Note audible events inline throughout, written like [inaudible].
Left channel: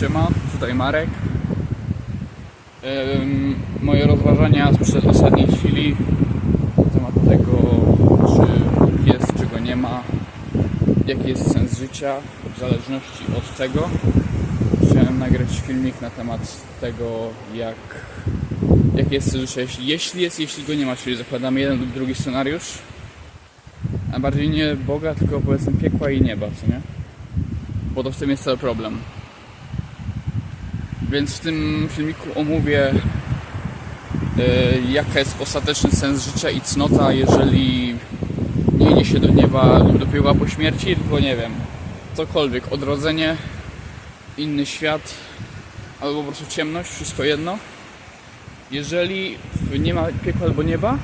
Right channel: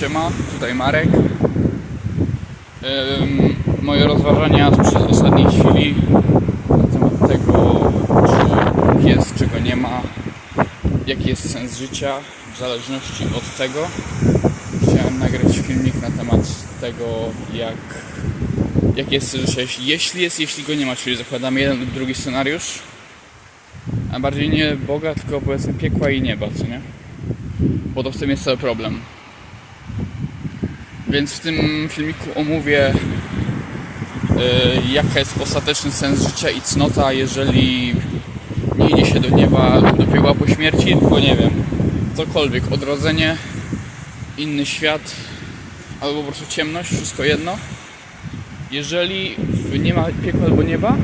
Siema, tutaj Marek. Ym, moje rozważania przez ostatniej chwili na temat tego, czy jest, czego nie ma, jaki jest sens życia, w zależności od tego. Chciałem nagrać filmik na temat tego, jak, jaki jest sens życia, jeśli jest, jeśli go nie ma, czyli zakładamy jeden lub drugi scenariusz, a bardziej nie Boga, tylko powiedzmy piekła i nieba, co nie? Bo to w tym jest cały problem. Więc w tym filmiku omówię yy, jaka jest ostateczny sens życia i cnota, jeżeli nie idzie się do nieba do piekła po śmierci, tylko nie wiem, cokolwiek, odrodzenie, inny świat, albo po prostu ciemność, wszystko jedno. Jeżeli nie ma piekła albo nieba,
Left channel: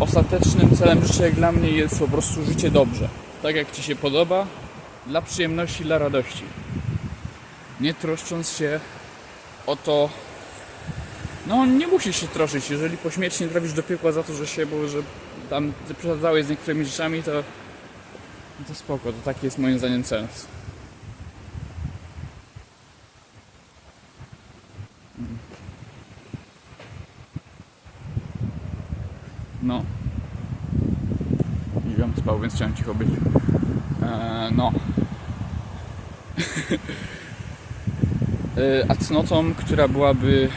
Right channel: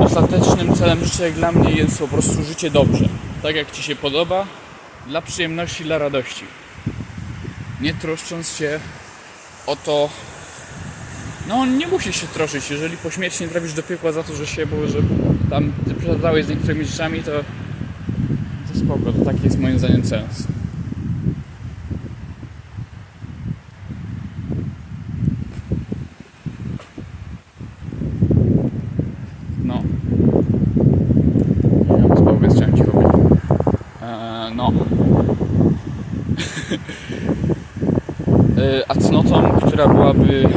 ostatecznym celem życia jak dla mnie jest po prostu życie dobrze. Tak jak Ci się podoba, dla przyjemności, dla radości. Nie troszcząc się o to. No, nie musisz się troszczyć. Jeżeli po śmierci nie trafisz do piekła za to, że się, bo że tam ty przesadzałeś z niektórymi rzeczami, to, to spoko. To taki jest moim zdaniem sens. No. Ja spał, więc chciałem cicho być. Eee, no. [laughs] Eee, A cnotą, która byłaby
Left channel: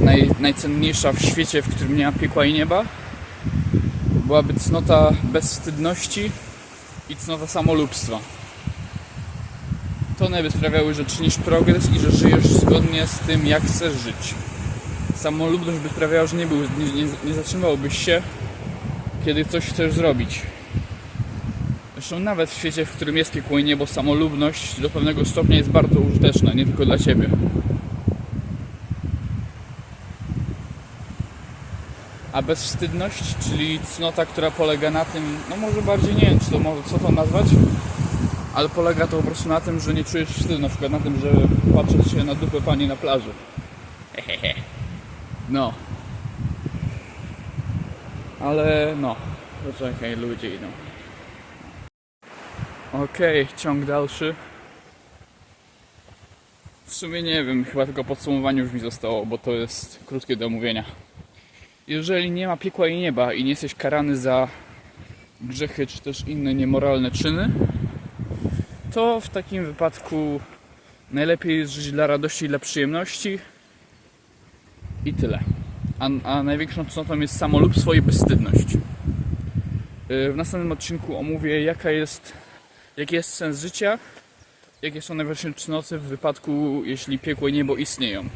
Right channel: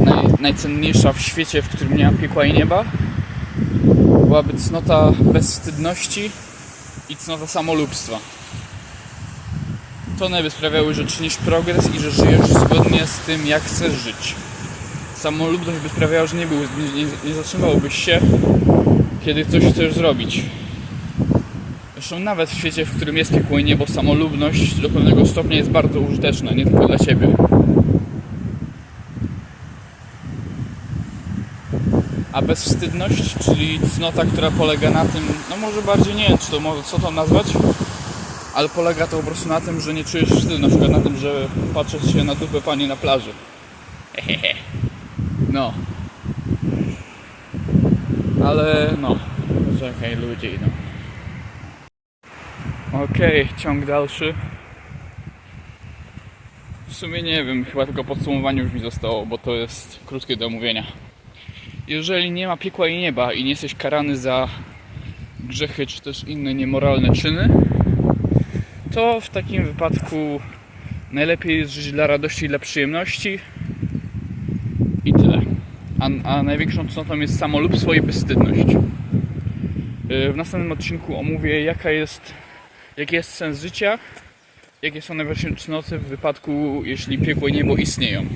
naj, najcenniejsza w świecie, w którym nie ma piekła i nieba, byłaby cnota bezwstydności i cnota samolubstwa. To one by sprawiały, że czynisz progres i że żyjesz zgodnie z tym, jak chcesz żyć. Samolubność by sprawiała, że nie, był, nie, nie zatrzymałbyś się, kiedy coś chcesz zrobić. Zresztą nawet w świecie, w którym jest piekło niebo, samolubność do pewnego stopnia jest bardzo użyteczna, nie tylko dla Ciebie. A bezwstydność, czyli cnota, która polega na tym, no może bardziej nie wiem, czy to co to nazwać, ale polega to po prostu na tym, że nie czujesz wstydu, na przykład na tym, że patrzysz się na dupę pani na plaży. Hehehe. [laughs] No. Ale no, czekaj, ludzie idą. Okej, ciąg dalszy. W sumie nie wiem, chyba tylko podsumowanie już mi zostało, bo to jest krótkie do omówienia. Jeżeli nie ma piekła i nieba i nie jesteś karany za grzechy czy też inne niemoralne czyny, to w takim wypadku najlepiej jest żyć dla radości i dla przyjemności i tyle. A, a największą cnotą jest samolubstwo i bezstydność. Yy, W następnym odcinku omówię jaka jest jaki jest sens życia, jakie są najważniejsze cnoty w wypadku, jeśli piekło i niebo istnieją.